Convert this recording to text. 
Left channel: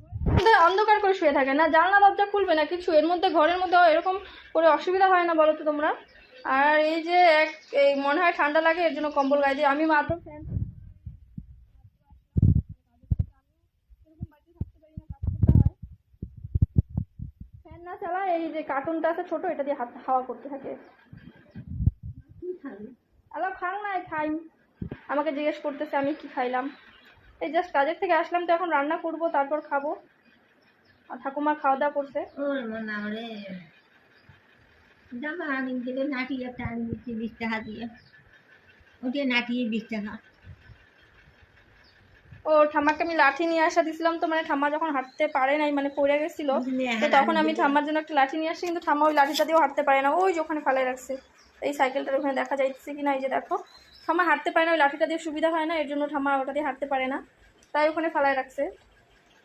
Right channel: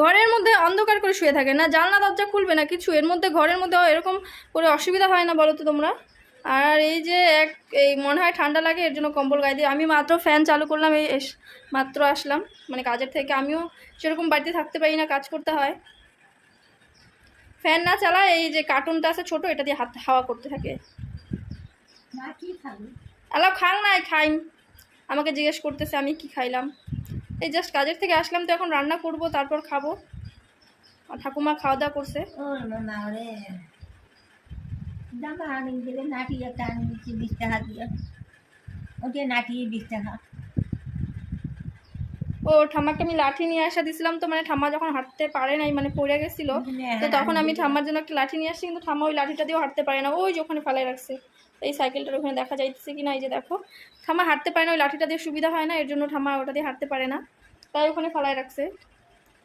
ঘরের মধ্যে অন্ধকার করে শুয়ে থাকে না, জানলা দরজা খুলবে না কিছু, এর মধ্যে ঘরের মধ্যে এরকম করে অসুবিধা হয় না বলো তো তোমরা? আর এই যে এই মনে হয় ঠান্ডা লাগে, এর জন্য কম্বল গায়ে দিই। আমি মাত্র ফ্যান চালু করলাম, এই মাত্র আসলাম মানে কাজের থেকে। আমিও সেরকম বাড়িতে থাকতে পারি না, কাজ করতে হয়। ফ্যান না চালায় এই যে কার্টুনটা আছে ছোট, এটা দিয়ে হাওয়া করতে থাকে। আলাপ খান নাই খাইম, আমাকে জিজ্ঞেস করতেছে আমি কি খাইলাম। এই জাস্ট কাজের থেকে আসলাম, তো এখন রান্না করব, তারপর খাবো। আর ঠাকুমা খাওয়া দাওয়া করছে। জামা আনি দিলে নাটি একটা আনি দিচ্ছি 20 টাকা দিয়ে, ওটা নাটিয়ে 20 টাকা। ও ঠাম্মাকে আমি লাঠি নিয়ে আসা দিয়েছিলাম, তো মানে ঠাম্মা যখন হাঁটতে পারে নাই মানে পড়ে গেছিলো, তো তখন আমি ঠাম্মার জন্য একটা লাঠি নিয়ে আসছি, কিন্তু ঠাম্মা ওই লাঠিটা দিয়েও হাঁটতে পারে না। ওই যে ওখানে ফেলায় রাখছে, এই সাইকেলটার ওখানে দেখা যাইতেছে কি না, এই যে দেখো ঠাম্মা হাঁটতে পারে না, ওই লাঠিটা দিয়ে সুবিধা হয় না, এর জন্য ঠাম্মা ওটা দিয়ে হাঁটতে পারে না, তাই ওখানে ফেলায় রাখছে।